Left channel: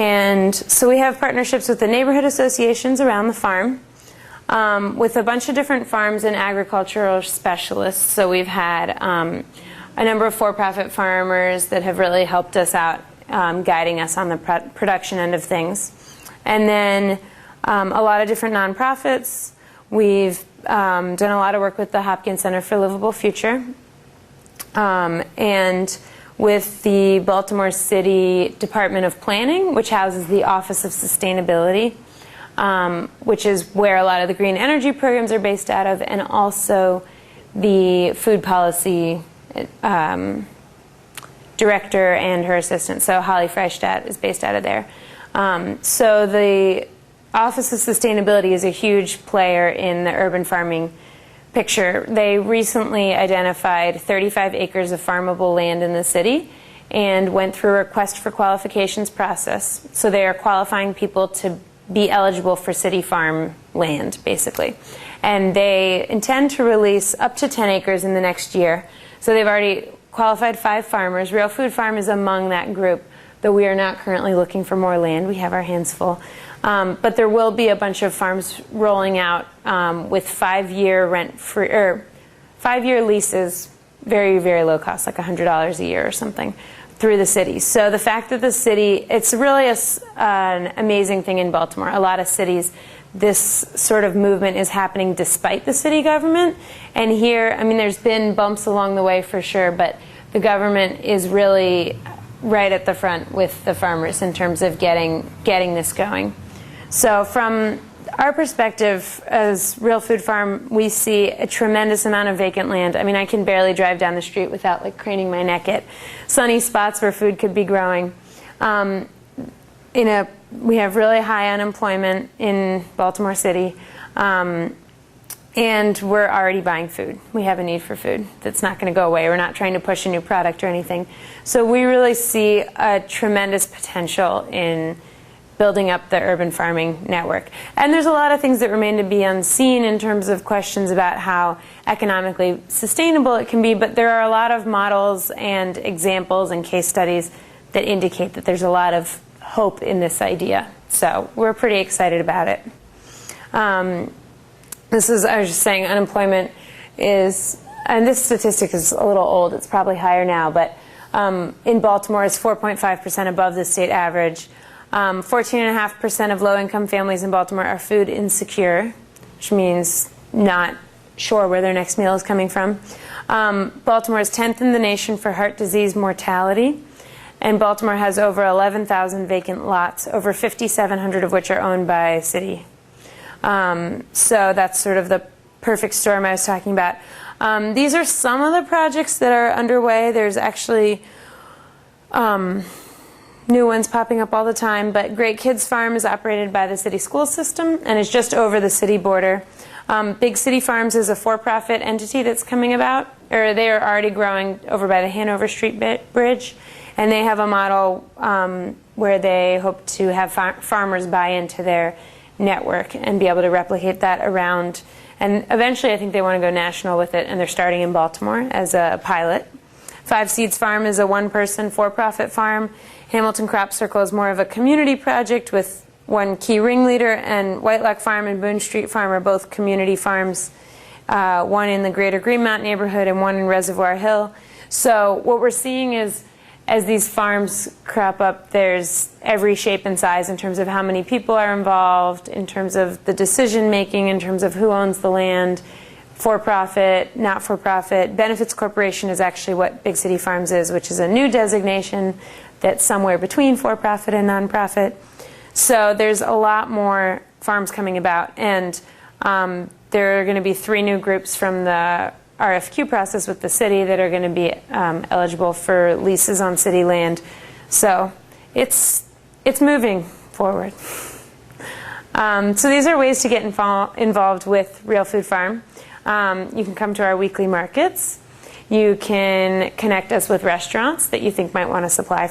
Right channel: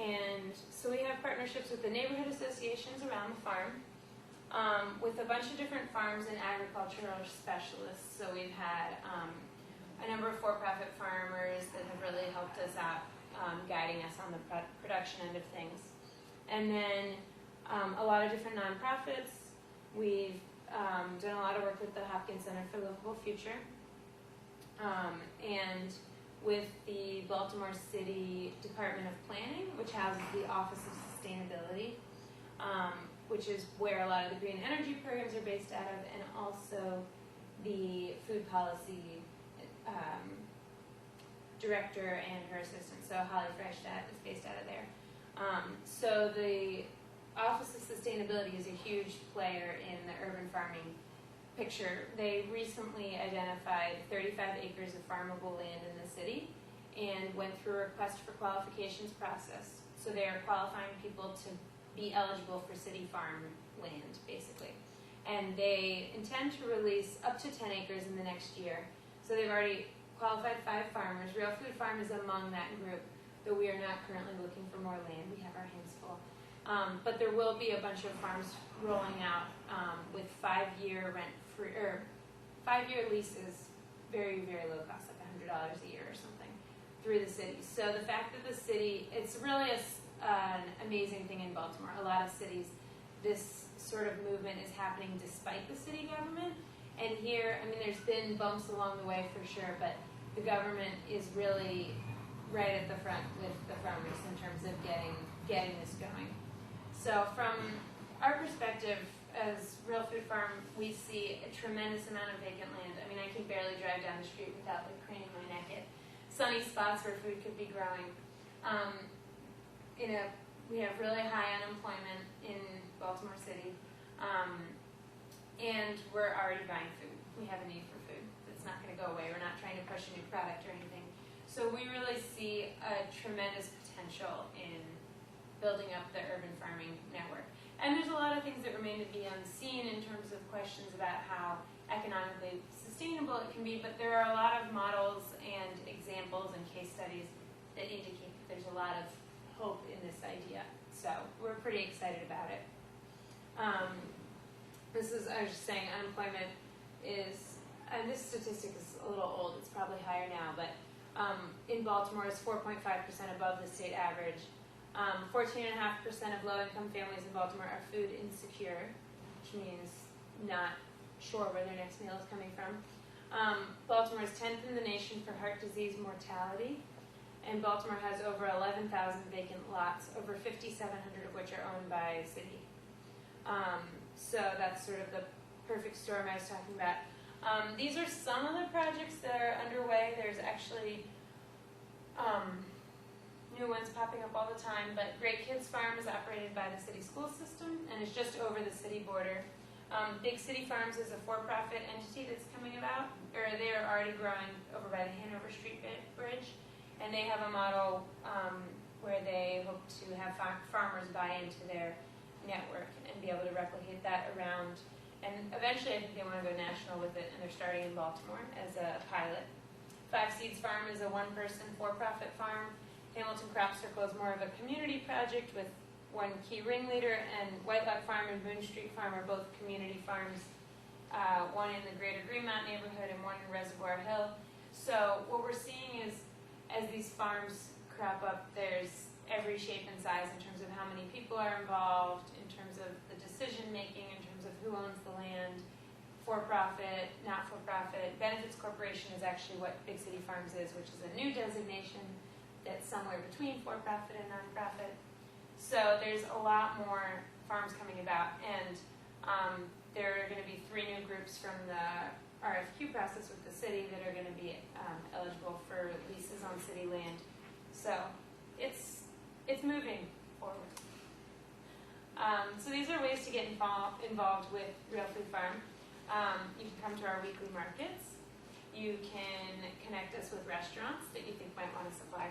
And so we have partnerships with the neighborhood associations around the farm, with a bunch of different farms and agricultural specialists. So we've had a number of for-profit farmers that have really helped us out, guiding us on the production end of things. And then a lot of different nonprofits. We've done a lot of work with the Hopkins Center for Livable Future, and with the Baltimore City Department of Planning, which houses the Office of Sustainability, which is where a lot of the green energy programs are based out of, and also the food policy director and her assistant. So Holly Freistadt is based out of there. So the Office of Sustainability is a huge player in the urban farming picture. They recently identified 35 acres of farmable land in the city and went through a request for qualifications process. So they are qualifying people to be eligible for city farm land, basically. And they intend to release up to 10 acres in the next year. So they've already qualified 5 farmers. Real Food Farm is among that group, though we are not currently looking for more land. We have our hands full. But there will be a bunch of farms rolling out with 5-year rent-free, or 5-year leases, very, very low cost, like $100 a year or something, through the city. So the fact that the city, it's really an amazing thing in Baltimore. A lot of cities, this sort of movement is happening despite the city government. And here, I mean, there's been bumps along the way for sure, but the government is really right at the front with the farmers in terms of getting this going. So from our perspective as Real Food Farm, we see a tremendous amount of vacant land. I mean, I can barely drive down the street without like craning my neck at sunny spots where food could be growing. We have really high unemployment in Baltimore City, and we're already buying food. We have a need for food that's not going to go away. We're not trying to push a new product or anything. So we really see a tremendous potential in building up the urban farming network. And there's a lot of things that remain to be unseen in terms of questions about how economically sustainable it can be, but there are a lot of models and examples and case studies that indicate that there's a lot of hope in this idea. So we're pretty excited about it. I was just saying, unemployment is, and this statistic is a little old, it's probably higher now, but in Baltimore it's 4.5% above the state average. 14.5% of low-income families in Baltimore are food insecure, which means not sure where their next meal is coming from. Baltimore is 10th in the nation for heart disease mortality, and Baltimore has over 11,000 vacant lots, over 5,700 of which are owned by city. So that's sort of the perfect storm I was talking about. These are some of the projects that are underway. There's actually new ones popping up all the time, but Great Kids Farm is operated by the city school system and is just over the city border. Big City Farms is a for-profit entity that's coming about, or they are already growing over by the Hanover Street Bridge, and they have a model where they hope to have farmers buy into their network and be able to replicate that around. And eventually I think they want to go national with it, and they're starting in Baltimore as a pilot. Five Seeds Farm is a one-person for-profit farm. Hamilton Crop Circle is more of a community project with one key ringleader, and White Lock Farm and Boone Street Farm are both community farms, one in the greater Greenmount neighborhood and one in Reservoir Hill. So what we're seeing is, as these farms crop up, there's every shape and size in terms of how many people are involved, in terms of the decision making, in terms of who owns the land, for-profit, not-for-profit. Benefits Corporation is actually what Big City Farms is, which is a new designation that's somewhere between for-profit and nonprofit. So there's a lot more farms coming about, and there are going to be 3 new groups from the RFQ process with the city that are going to be eligible for leases on city land. So it's moving forward. So these are ways to get involved with Real Food Farm. You can come to our weekly markets. You can connect us with restaurants that you think might want to supply